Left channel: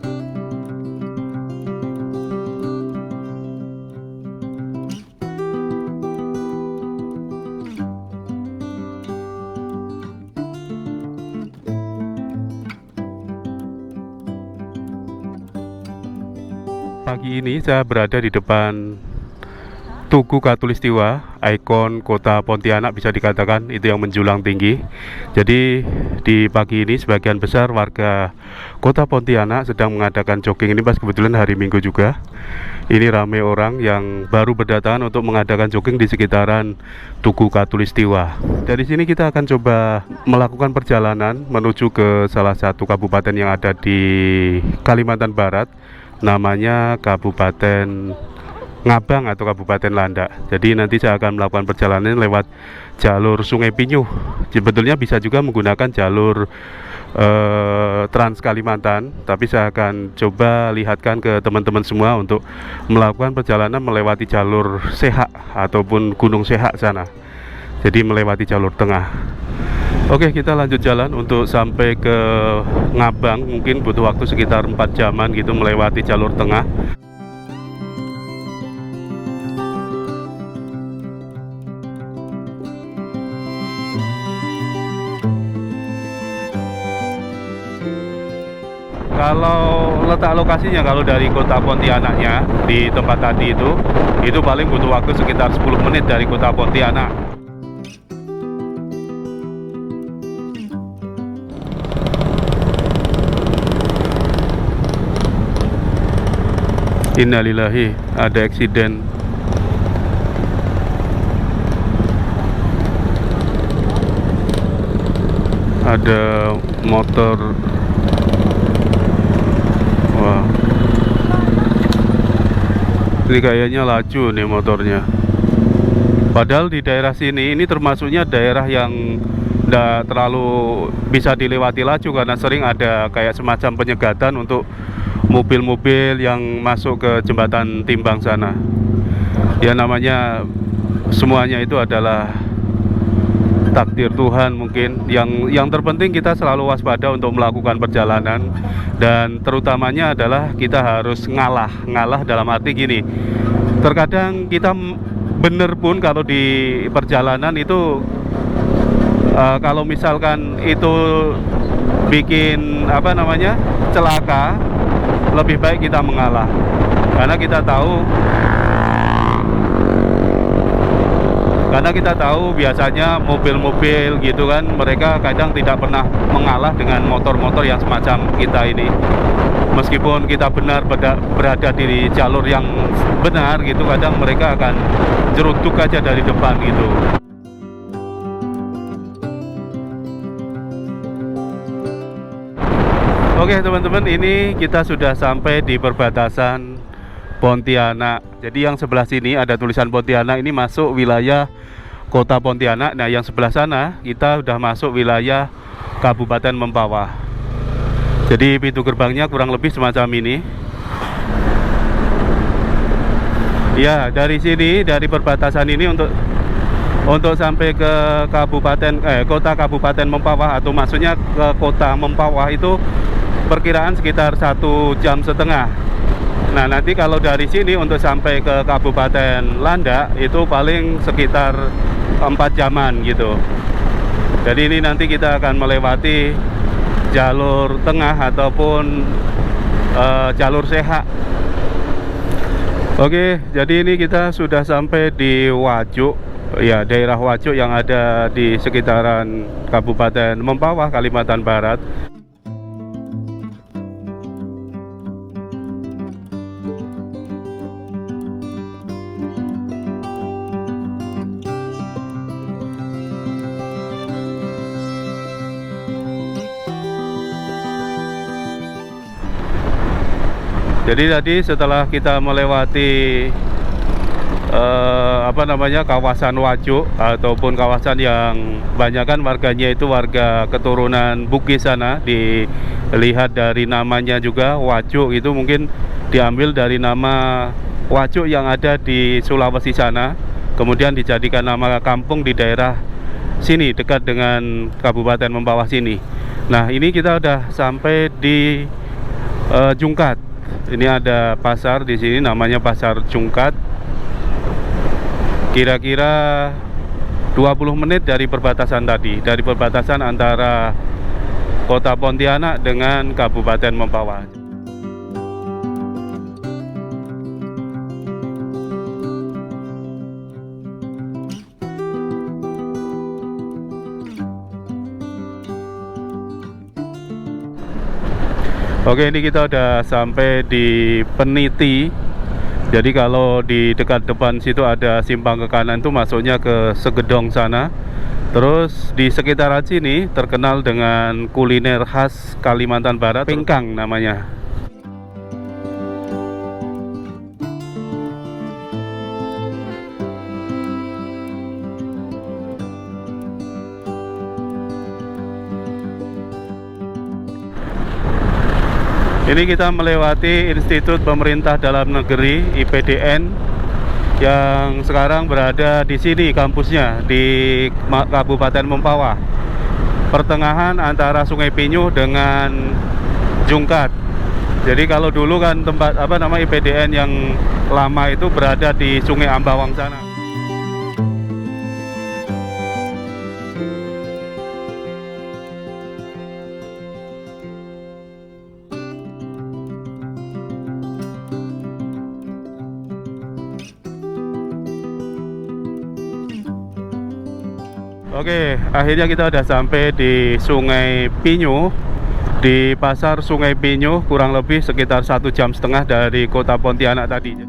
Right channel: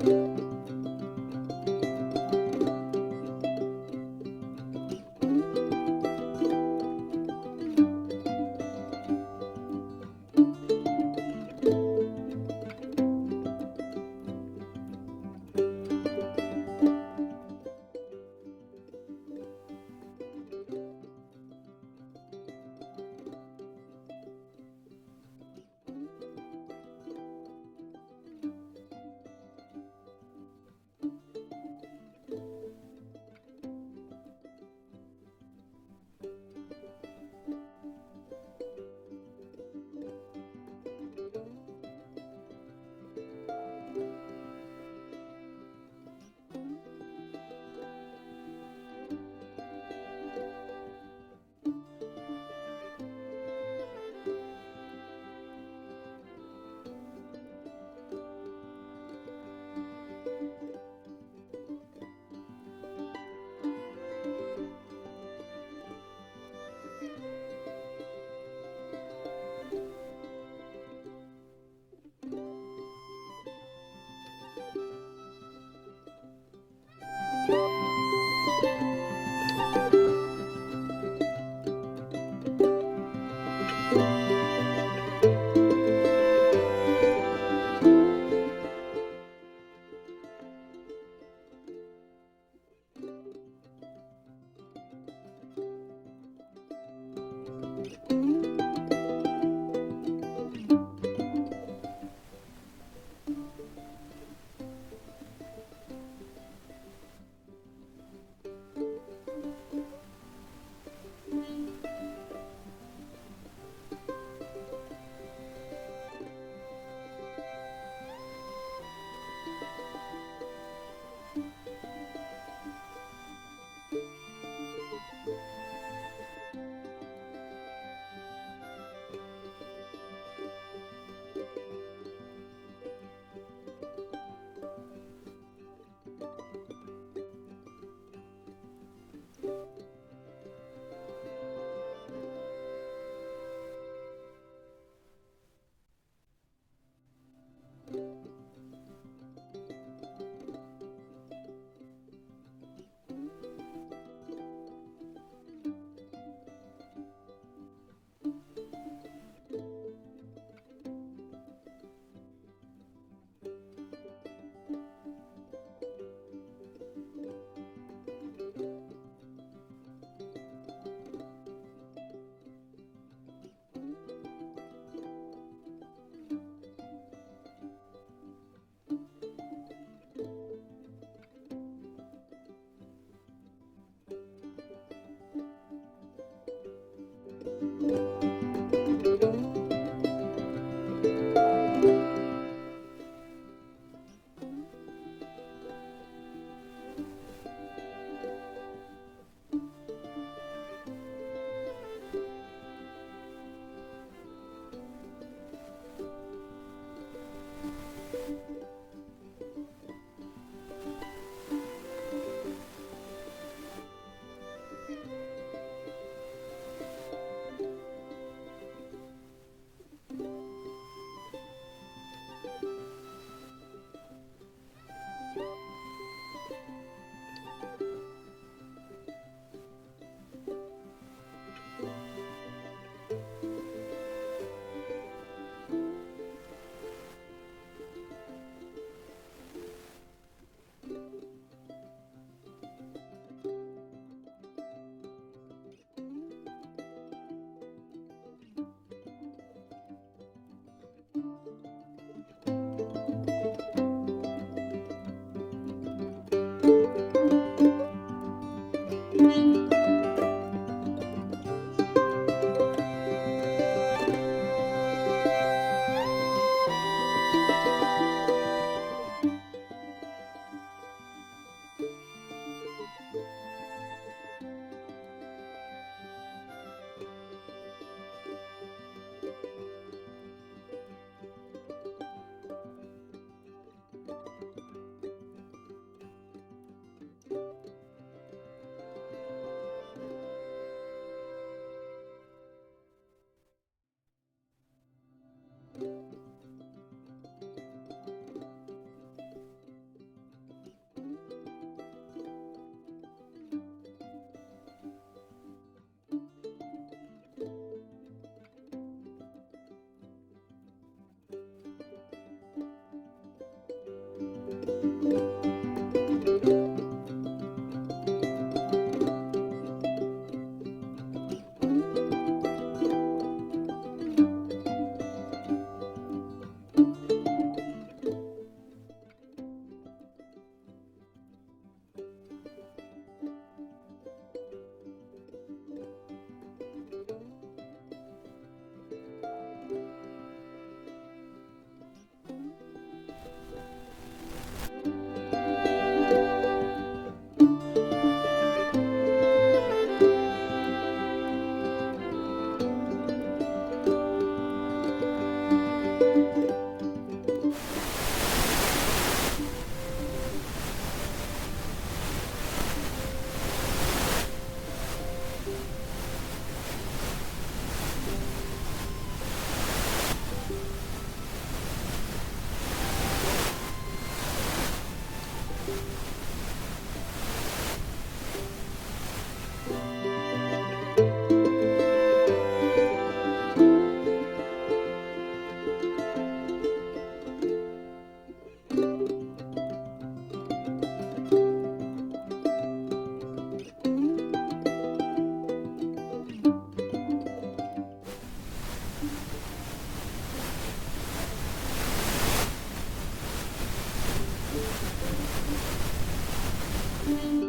Pagi ini saya berada di depan Tugu Katulistiwa, ikon kota Pontianak bisa dikatakan itu yang menjulang tinggi. Jadi di pagi ini sebagian besar warga kota Pontianak sedang mengadakan jogging. Ini pas kebetulan hari Minggu juga. Ini ramai orang yang baru berdatangan untuk mengadakan jogging di sekitaran Tugu Katulistiwa. Dari sini kita akan coba melakukan perjalanan menuju ke salah satu kabupaten yang ada di Kalimantan Barat, namanya Kabupaten Ngabang atau Kabupaten Landak. Jadi nanti saya akan melakukan perjalanan lewat jalur Sungai Pinyuh. Sebetulnya bisa juga menggunakan jalur Trans Kalimantan, tapi saya akan coba lihatkan ke teman-teman semua untuk melakukan perjalanan melewati jalur Sehak ataupun Gunung Sehak sana. Jadi melewati jalur tengah. Oke, kita lanjut jalan untuk sampai ke Ngabang. Mungkin butuh waktu sekitar 4 jaman gitu melewati jalur tengah. Kalau letak lokasinya, kalau dari kota Pontianaknya di tempat tadi itu paling butuh waktu sekitar 10 menit dari kota Pontianak. Innalillahi, ada eksiden. Ada motor. Wah, ini kayaknya laju nih motornya. Padahal di daerah sini ini termasuknya daerah yang tidak terlalu bisa dilewati laju karena sering ada kayak semacam penyegatan untuk mobil-mobil yang masuk ke jembatan timbang sana. Ya namanya semuanya itu adalah takdir Tuhan mungkin. Yang terpenting kita selalu waspada untuk melakukan perjalanan, dan terutamanya adalah kita harus ngalah dalam arti gini. Terkadang kita bener pun kalau di perjalanan itu kalau misalkan itu bikin celaka, lebih baik kita mengalah karena kita tahu biasanya mobil-mobil gitu kan, mereka kadang tidak pernah mengalah dengan motor-motor yang semacam kita ini. Meskipun kita benar berada di jalur yang benar gitu, kadang mereka akan jerutuk aja dari depan gitu. Oke teman-teman, ini kita sudah sampai di perbatasan Pontianak. Jadi yang sebelah sini ada tulisan Pontianak, ini masuk wilayah kota Pontianak. Nah yang sebelah sana kita udah masuk wilayah Kabupaten Mempawah. Jadi pintu gerbangnya kurang lebih semacam ini. Ya, dari sini, dari perbatasan ini untuk sampai ke kota Kabupaten Mempawah, atau maksudnya ke kota Mempawah itu perkiraan sekitar 1,5 jam. Nah nanti kalau dari sini untuk sampai ke Kabupaten Landak itu paling sekitar 4 jaman gitu. Jadi ini nanti kita akan melewati jalur tengah ataupun jalur Sehak. Oke, jadi ini kita sudah sampai di Wajuk, ya daerah Wajuk yang ada di sekitaran Kabupaten Mempawah, Kalimantan Barat. Jadi tadi setelah kita melewati kawasan Wajuk ataupun kawasan yang banyakkan warganya itu warga keturunan Bugis sana, dilihat dari namanya juga Wajuk itu mungkin diambil dari nama Wajuk yang ada di Sulawesi sana, kemudian dijadikan nama kampung di daerah sini dekat dengan Kabupaten Mempawah sini. Nah ini kita udah sampai di Jungkat. Ini ada pasar di sini namanya Pasar Jungkat. Kira-kira 20 menit dari perbatasan tadi, dari perbatasan antara Kota Pontianak dengan Kabupaten Mempawah. Oke, ini kita udah sampai di Peniti. Jadi kalau di dekat depan situ ada simpang ke kanan tuh masuknya ke Segedong sana. Terus di sekitaran sini terkenal dengan kuliner khas Kalimantan Barat, pingkang namanya. Ini kita melewati Institut Pemerintah Dalam Negeri (IPDN) yang sekarang berada di sini kampusnya di Kabupaten Mempawah, pertengahan antara Sungai Pinyuh dengan Jungkat. Jadi kalau dulu kan tempat IPDN yang lama itu berada di Sungai Ambawang sana. Oke, akhirnya kita udah sampai di Sungai Pinyuh, di pasar Sungai Pinyuh, kurang lebih sekitar 1,5 jam dari kota Pontianak tadi.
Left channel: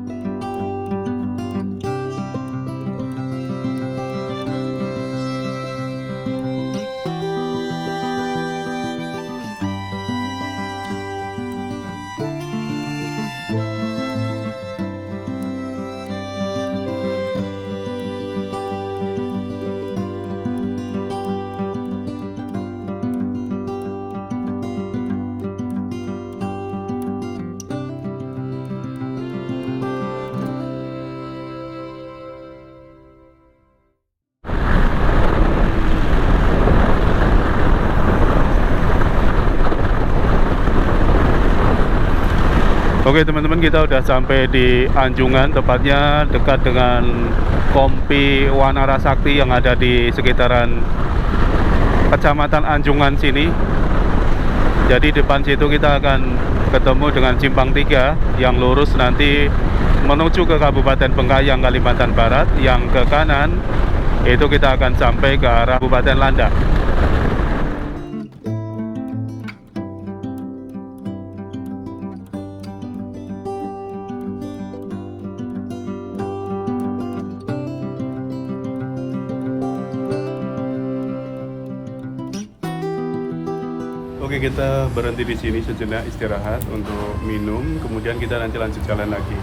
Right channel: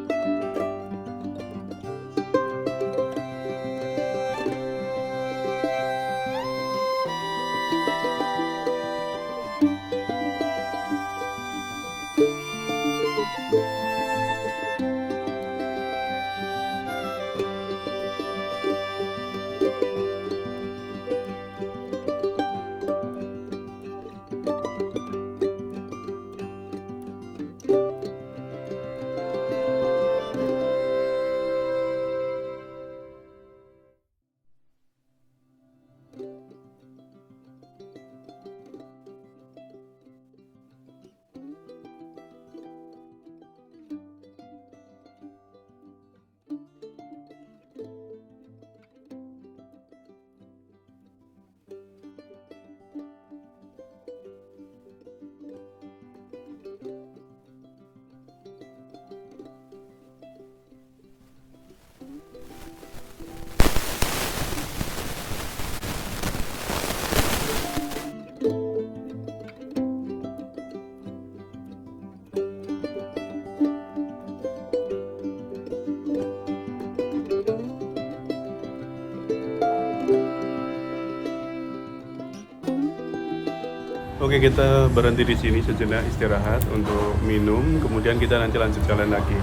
Oke teman-teman, kita udah sampai di Anjungan, tepatnya dekat dengan Kompi Wanara Sakti yang ada di sekitaran Kecamatan Anjungan sini. Jadi depan situ kita akan ketemu dengan Simpang 3 yang lurus nanti menuju ke Kabupaten Bengkayang, Kalimantan Barat. Yang ke kanan itu kita akan sampai ke arah Kabupaten Landak. Oke, kita berhenti di sini sejenak istirahat untuk minum, kemudian kita nanti lanjut jalan lagi.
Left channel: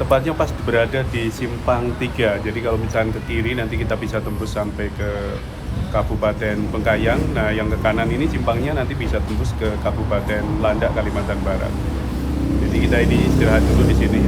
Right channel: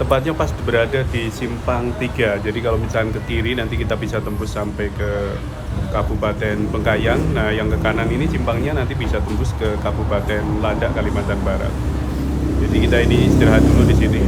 Tepatnya pas berada di Simpang 3, jadi kalau misalnya ke kiri nanti kita bisa tembus sampai ke Kabupaten Bengkayang. Nah, yang ke kanan ini simpangnya nanti bisa tembus ke Kabupaten Landak, Kalimantan Barat. Jadi kita ini istirahat dulu di sini.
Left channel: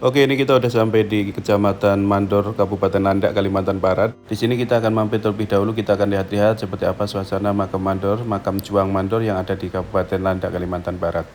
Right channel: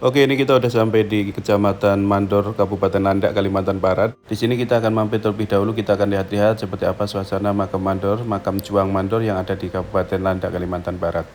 Oke, ini kita udah sampai di Kecamatan Mandor, Kabupaten Landak, Kalimantan Barat. Di sini kita akan mampir terlebih dahulu, kita akan lihat-lihat seperti apa suasana makam Mandor, makam Juang Mandor yang ada di Kabupaten Landak, Kalimantan Barat.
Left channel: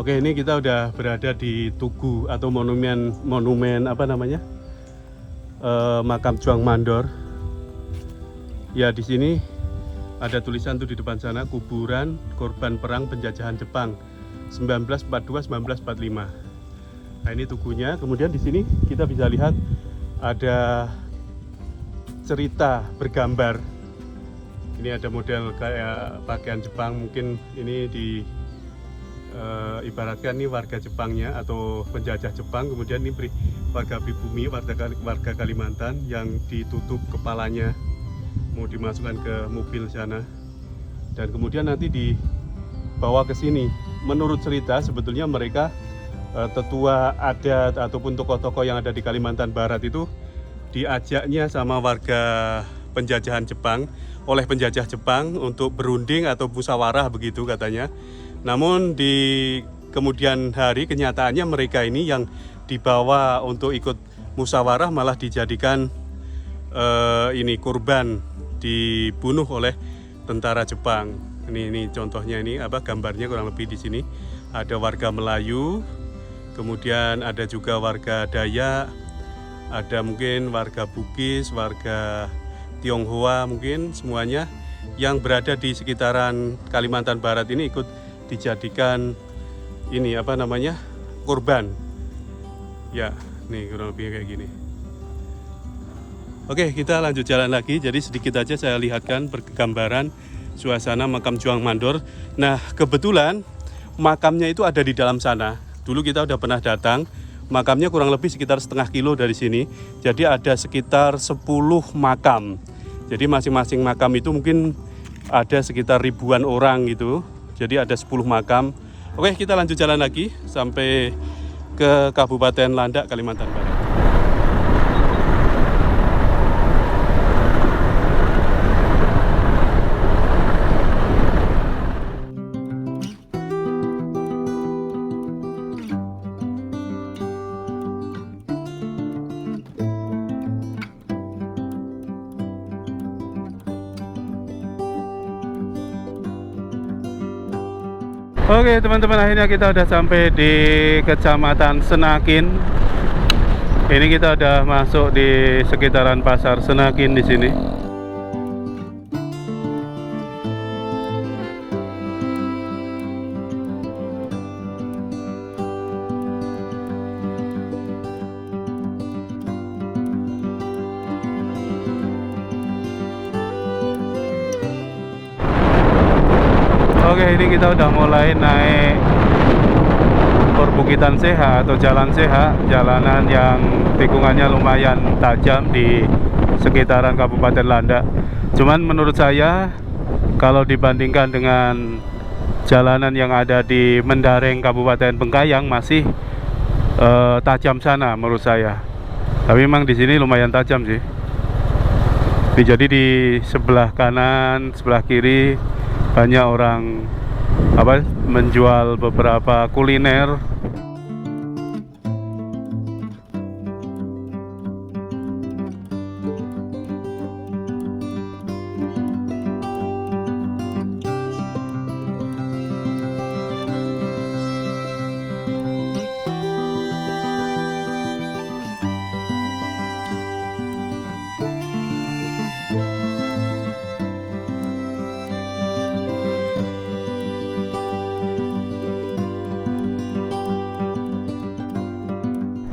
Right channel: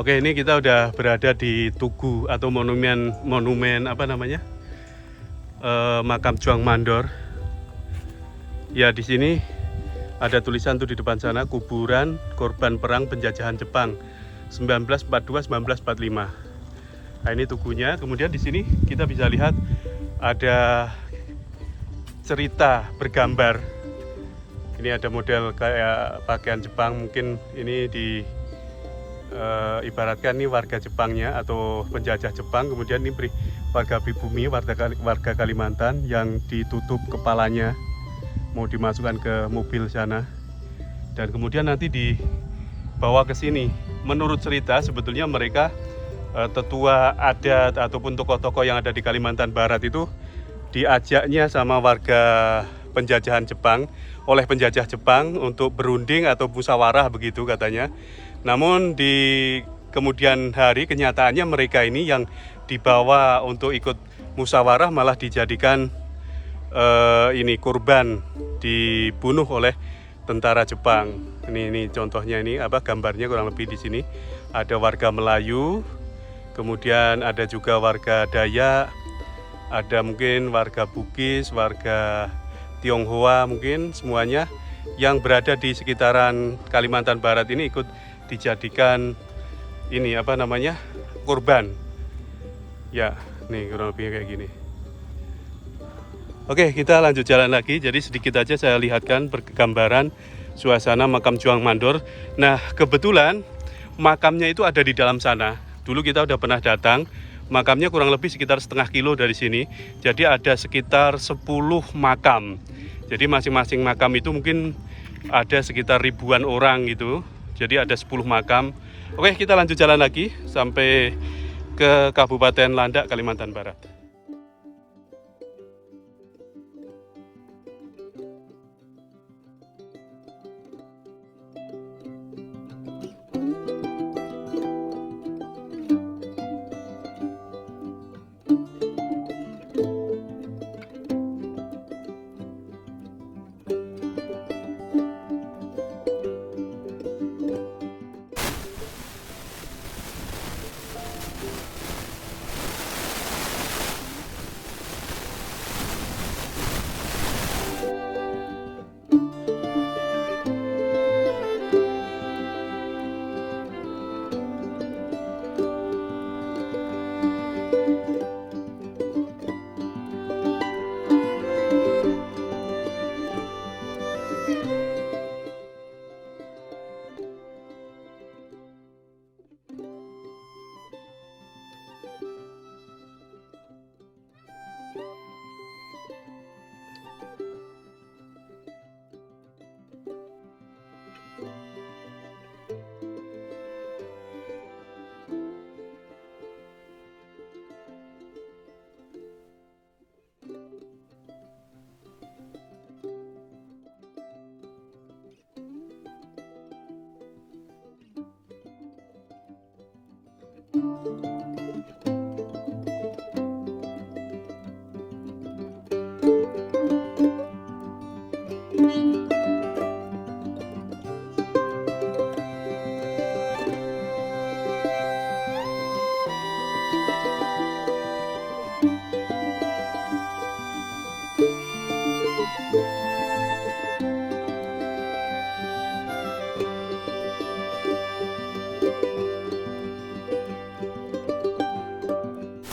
Oke, ini kita udah berada di Tugu atau monumen apa namanya? Makam Juang Mandor. Ya, di sini ada tulisan tuh di depan sana, kuburan korban perang penjajahan Jepang 1942-1945. Nah, ini tugunya. Kemudian di sini kita bisa lihat ada cerita bergambar. Ini ada model kayak pakaian Jepang, mungkin ini ibaratkan ini warga Jepangnya atau penjajah Jepang. Kemudian ini warga pribumi, warga Kalimantan yang ditutup kepalanya, mau dimasukkan ke mobil sana, dan kemudian nanti dibawa ke sini. Menurut cerita sebetulnya mereka tetua adat ataupun tokoh-tokoh yang ada di Kalimantan Barat itu diajaknya sama warga penjajahan Jepang, oleh penjajah Jepang untuk berunding atau musyawarah begitu katanya. Namun di kemudian hari kenyataannya mereka ini yang dibawa untuk ikut musyawarah malah dijadikan ini korban, dibunuh oleh tentara Jepang. Ini contohnya, ini apa gambarnya kurang lebih di sini. Ada warga Melayu, kemudian ada juga warga Dayak, ada mungkin warga Bugis, warga Tionghoa, mungkin semuanya yang berada di sekitaran Kalimantan Barat ini ikut dijadikan ini apa namanya, korban. Ya, nih kurang lebih kayak gini. Oke, kita lanjut jalan lagi. Jadi sedikit aja saya lihatkan pergambaran suasana makam Juang Mandor. Nah, kebetulan makamnya itu ada di dalam sana. Dulu kita udah pernah datang. Makamnya kurang lebih sekitar setengah kilo dari sini. Jadi ada sekitar 10 makam. Jadi masing-masing makam itu mungkin ada sekitar ribuan orang gitu. Jadi ada 10 makam. Oke, kita lanjut jalan lagi sampai ke Kabupaten Landak, Kalimantan Barat. Oke teman-teman, akhirnya kita udah sampai di Kecamatan Senakin. Ini kita udah masuk di sekitaran Pasar Senakin di sini. Oke, ini kita udah mulai naik Perbukitan Seha atau Jalan Seha, jalanan yang tikungannya lumayan tajam di sekitaran Kabupaten Landak. Cuman menurut saya kalau dibandingkan dengan jalanan yang ada di Mendareng Kabupaten Bengkayang masih tajam sana menurut saya. Tapi memang di sini lumayan tajam sih. Jadi di sebelah kanan, sebelah kiri banyak orang menjual beberapa kuliner.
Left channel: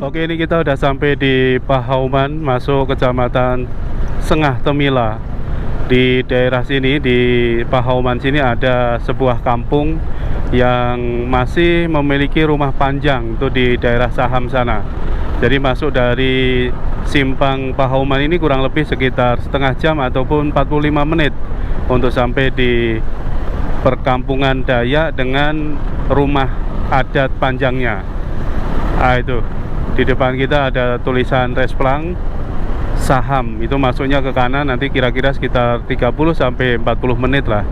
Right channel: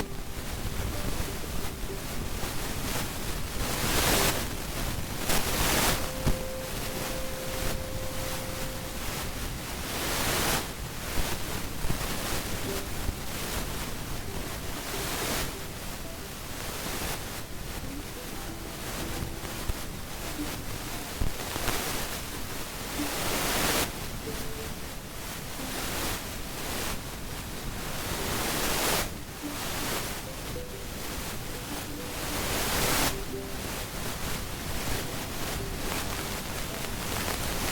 Oke, ini kita udah sampai di Pahauman, masuk Kecamatan Sengah Temila. Di daerah sini, di Pahauman sini ada sebuah kampung yang masih memiliki rumah panjang, itu di daerah Saham sana. Jadi masuk dari Simpang Pahauman ini kurang lebih sekitar setengah jam ataupun 45 menit untuk sampai di perkampungan Dayak dengan rumah adat panjangnya. Ah, itu di depan kita ada tulisan Resplang Saham, itu masuknya ke kanan, nanti kira-kira sekitar 30 sampai 40 menit lah.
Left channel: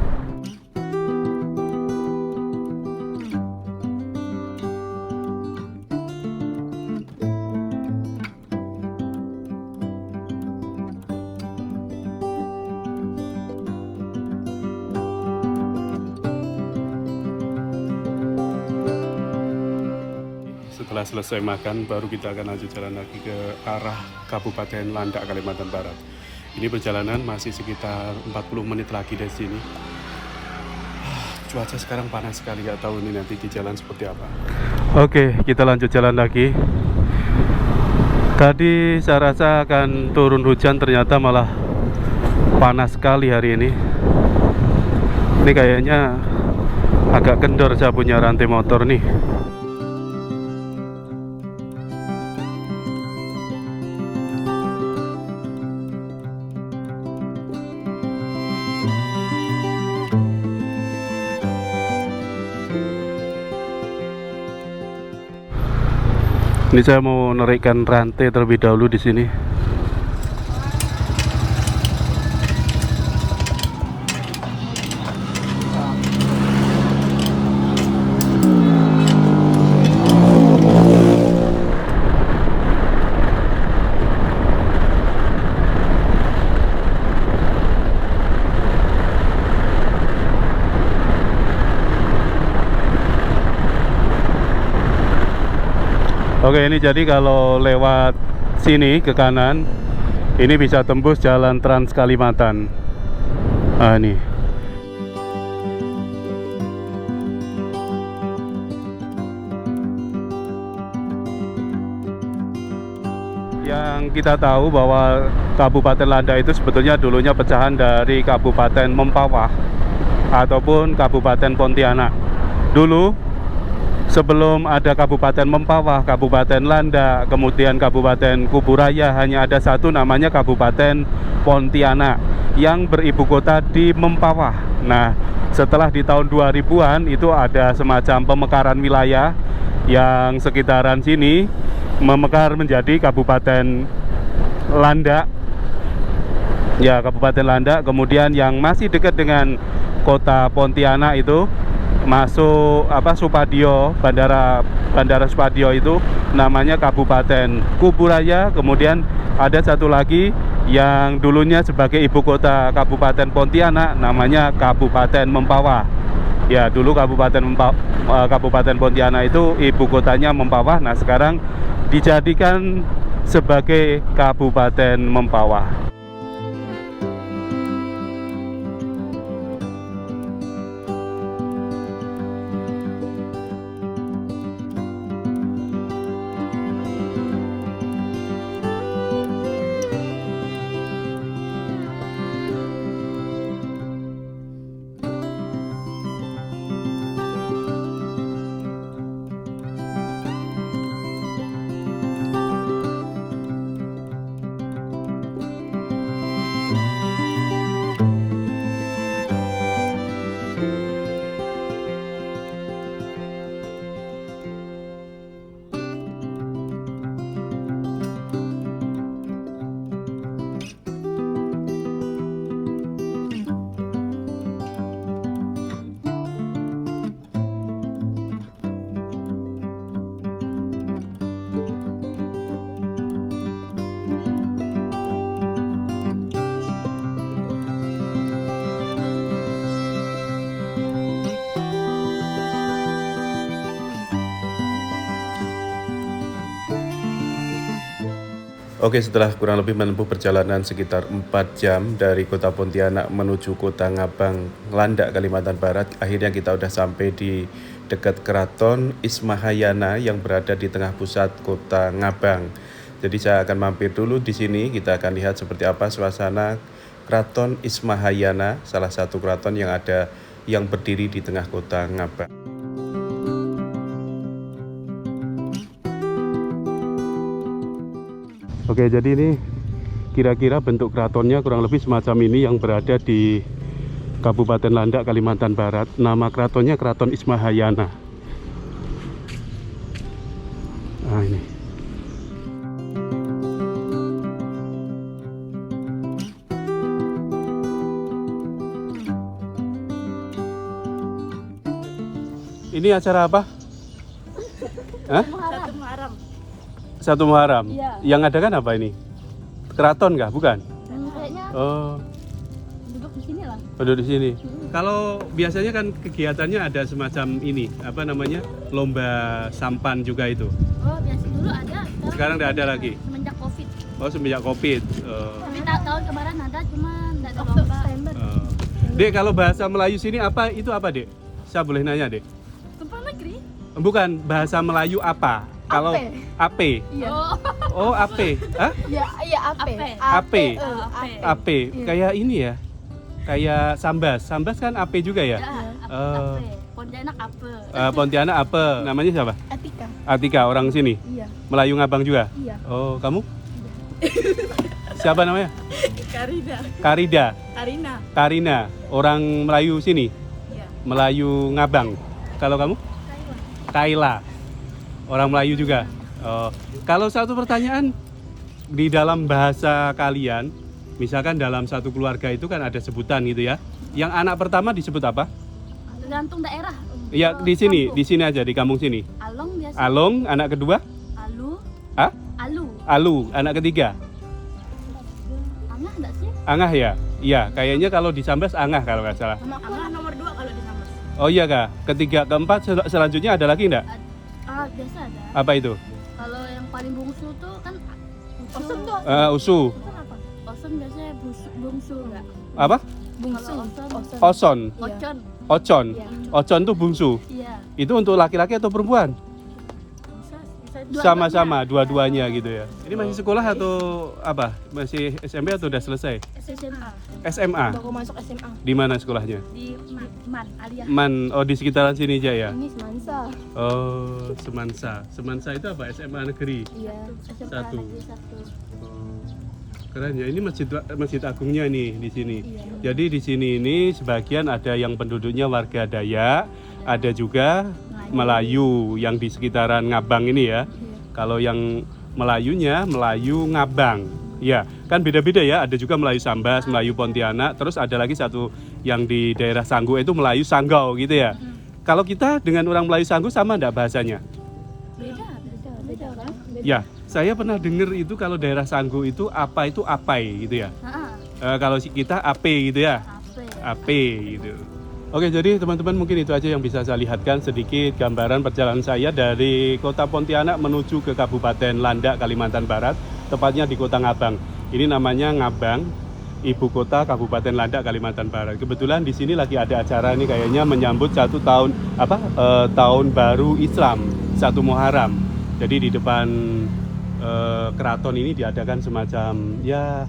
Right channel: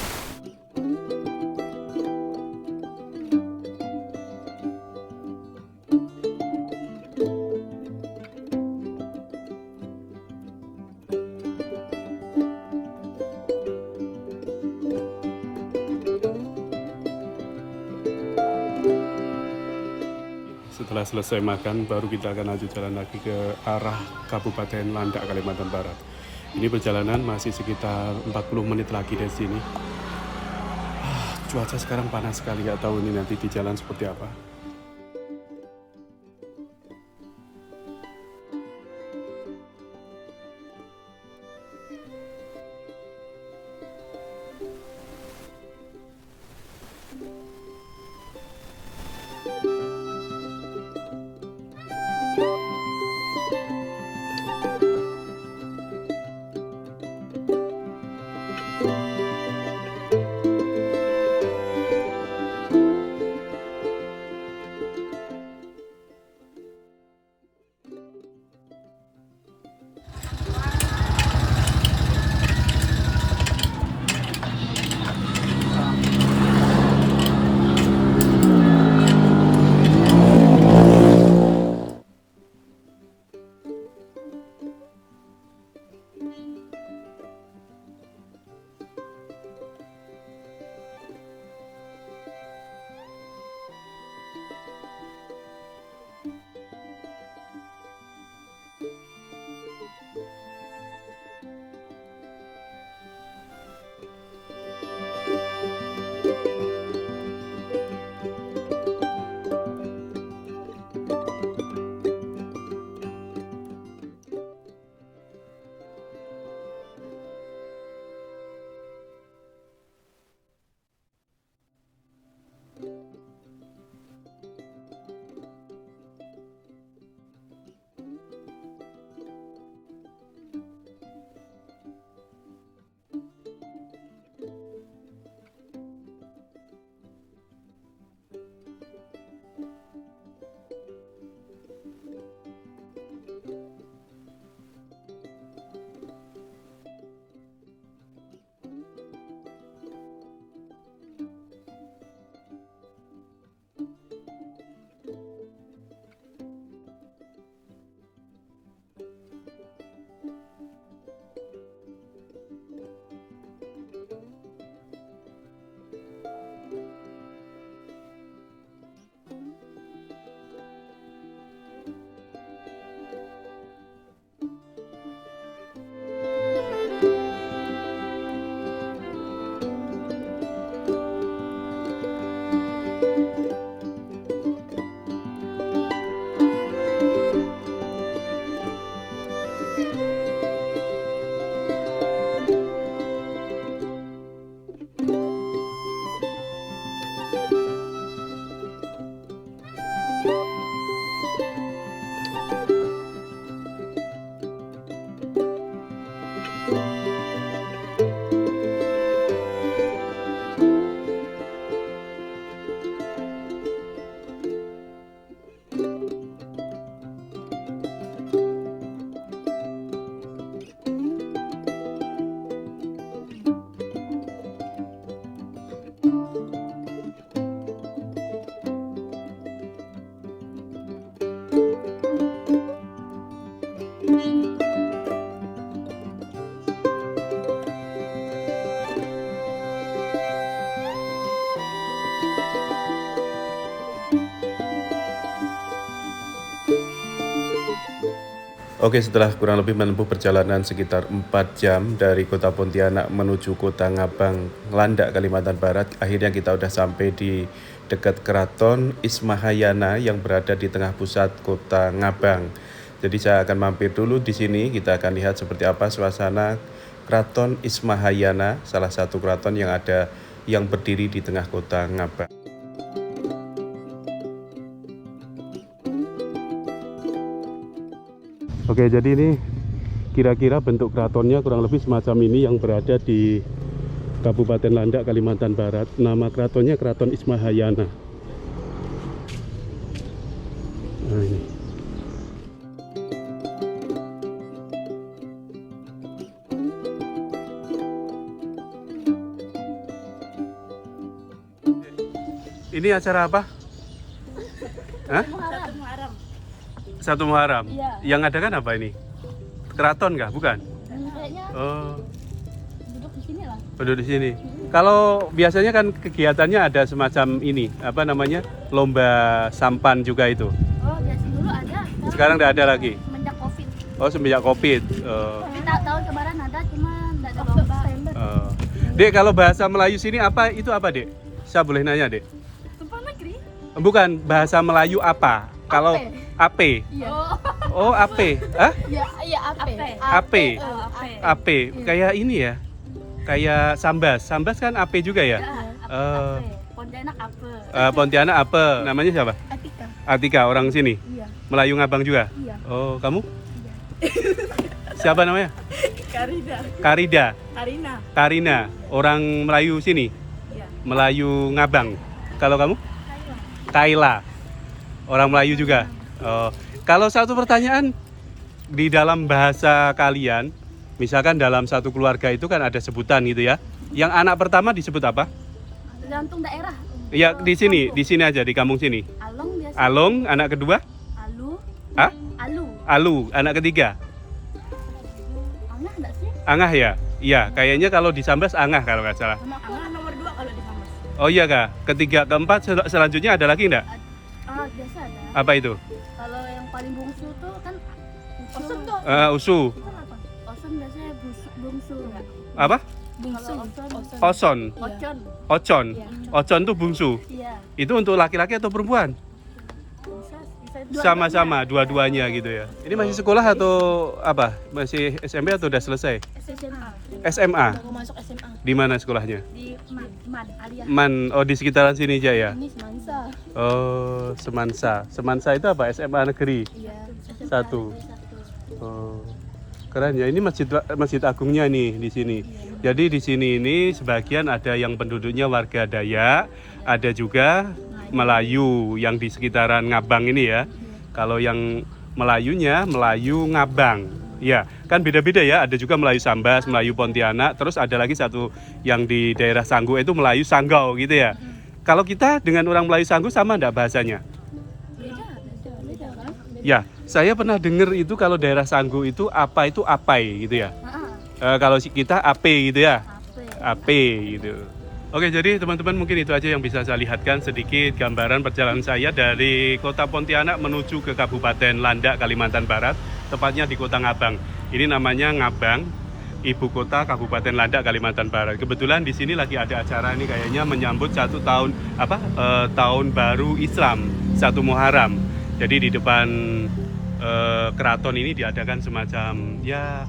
setelah selesai makan baru kita akan lanjut jalan lagi ke arah Kabupaten Landak, Kalimantan Barat. Ini perjalanan masih sekitar 40 menit lagi dari sini. Cuaca sekarang panas sekali, nggak tahu ini nanti di jalan seperti apa. Oke, kita lanjut jalan lagi. Tadi saya rasa akan turun hujan, ternyata malah panas sekali hari ini. Ini kayaknya agak kendor saya punya rantai motor nih. Ini saya mau narikkan rantai terlebih dahulu di sini. Oke, ini jadi kalau lewat sini ke kanan, ini bisa tembus jalan Trans Kalimantan. Nah, ini. Yang kita tahu bahwa Kabupaten Landak itu sebetulnya dulunya pecahan dari Kabupaten Mempawah ataupun Kabupaten Pontianak. Dulu sebelum ada Kabupaten Mempawah, Kabupaten Landak, kemudian Kabupaten Kuburaya, hanya ada satu namanya Kabupaten Pontianak yang beribu kota di Mempawah. Nah, setelah di tahun 2000-an itu ada semacam pemekaran wilayah yang sekitaran sini memekar menjadi Kabupaten Landak. Ya, Kabupaten Landak. Kemudian yang masih dekat dengan kota Pontianak itu masuk Supadio, bandara Supadio itu namanya Kabupaten Kuburaya. Kemudian ada satu lagi yang dulunya sebagai ibu kota Kabupaten Pontianak namanya Kabupaten Mempawah. Ya, dulu Kabupaten Pontianak itu ibu kotanya Mempawah. Nah, sekarang dijadikan sebagai Kabupaten Mempawah. Oke, setelah kurang lebih menempuh perjalanan sekitar 4 jam dari kota Pontianak menuju kota Ngabang, Landak, Kalimantan Barat, akhirnya kita udah sampai di dekat Keraton Ismahayana yang berada di tengah pusat kota Ngabang. Jadi saya akan mampir dulu di sini, kita akan lihat seperti apa suasana Keraton Ismahayana, salah satu keraton yang berdiri di tengah kota Ngabang. Oke, jadi ini kira-kira bentuk keratonnya kurang lebih semacam ini yang berada di Kabupaten Landak, Kalimantan Barat. Nama keratonnya Keraton Ismahayana. Nah, ini. Ini acara apa? Hah? Satu Muharram. Iya. Yang ada kan apa ini? Keraton kah? Bukan? Kayaknya Oh, duduk di sini lah. duduk di sini. Kalau biasanya kan kegiatannya ada semacam ini, apa namanya? Lomba sampan juga itu. Sekarang nggak ada lagi. Semenjak Covid. Oh, semenjak Covid. Tapi tahun kemarin ada, cuma nggak ada lomba. Dek, kalau bahasa Melayu sini apa? Itu apa, Dek? Saya boleh nanya, Dek? Tumpah negeri? Bukan, bahasa Melayu apa? Kalau AP. Iya. Oh, AP. Hah? Iya, AP. AP. AP. Kayak ini ya. Kayak Sambas. Sambas kan AP juga ya? Pontianak apa? Pontianak apa? Namanya siapa? Atika. Atika, orang sini. Iya. Melayu Ngabang juga? Iya. Oh, kamu? Siapa namanya? Karida. Karida. Karina. Karina, orang Melayu sini? Iya. Melayu Ngabang. Kalau kamu? Kaila. Orang Melayu juga. Oh, kalau satu pertanyaan di dalam bahasa kalian, misalkan dalam satu keluarga itu kan ada sebutan gitu ya. Yang anak pertama disebut apa? Tergantung daerah. Ya di sini aja di kampung sini. Along biasa. Along, anak kedua? Alu. Hah? Alu. Alu, anak ketiga? Angah enggak sih? Angah ya? Iya, kayaknya kalau di Sambas Angah kalau nggak salah. Sama Angah nomor 2 kalau di Sambas. Oh iya kak, ketiga, keempat, selanjutnya ada lagi nggak? Biasa ada. Apa itu? Kalau yang paling bungsu tuh kan Osun tuh. Usu. Osun biasanya bungsu enggak? Apa? Bungsu. Oson. Ocon. Ocon. Iya. Ocon tuh bungsu. Iya. Itu untuk laki-laki atau perempuan? Bisa Sama-sama, dua-duanya gitu ya. Ini masih sekolah atau apa? Masih SMP atau udah selesai? SMA. SMA. Baru masuk SMA. Di mana sekolahnya? Di Man alias. Man, oh di sekitaran sini aja ya? Ini Semansa. Oh, Semansa. Semansa itu apa? SMA negeri. Iya. Satu. Oh, keren ya. Ini masjid agungnya nih di sini. Jadi di sini ini sebagian ada yang penduduknya warga Dayak, ada juga Melayu yang di sekitaran Ngabang ini ya. Kalau yang Melayunya Melayu Ngabang. Ya, kan beda-beda ya. Ada juga Melayu Sambas, Melayu Pontianak, terus ada lagi satu yang di daerah Sanggu itu Melayu Sanggau gitu ya. Kalau kita dengan orang Melayu Sanggu sama enggak bahasanya? Beda kan? Ya, saya pernah dengar itu kalau daerah Sanggu itu apai gitu ya. Kalau kita ape gitu ya. Ape gitu. Oke, jadi teman-teman mungkin itu aja yang bisa saya lihatkan sedikit gambaran perjalanan saya dari kota Pontianak menuju ke Kabupaten Landak, Kalimantan Barat, tepatnya di kota Ngabang. Ini namanya Ngabang, ibu kota Kabupaten Landak, Kalimantan Barat. Kebetulan di sini lagi ada acara ini kayaknya menyambut tahun baru Islam, 1 Muharram. Jadi di depan keraton ini diadakan semacam ya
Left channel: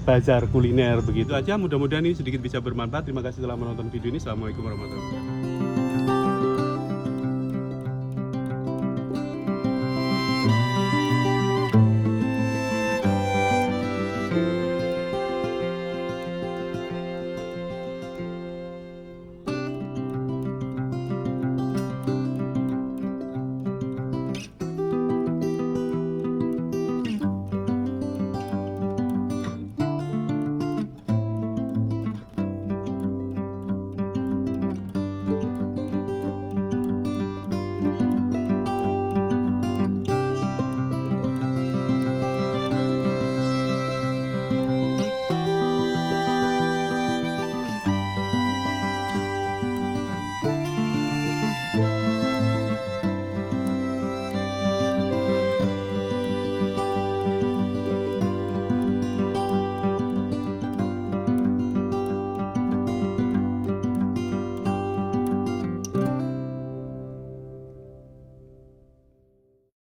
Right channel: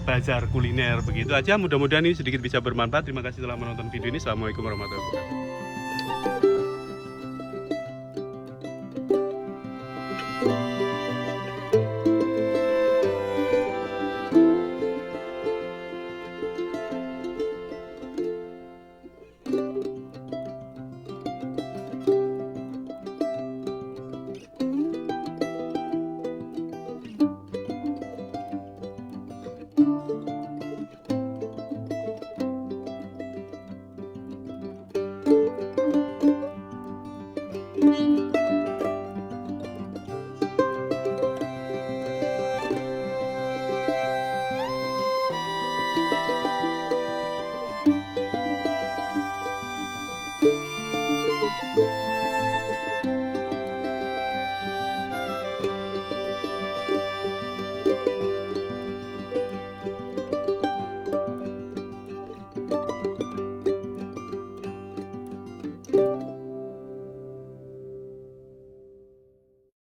bazar kuliner begitu aja. Mudah-mudahan ini sedikit bisa bermanfaat. Terima kasih telah menonton video ini. Assalamualaikum warahmatullahi wabarakatuh.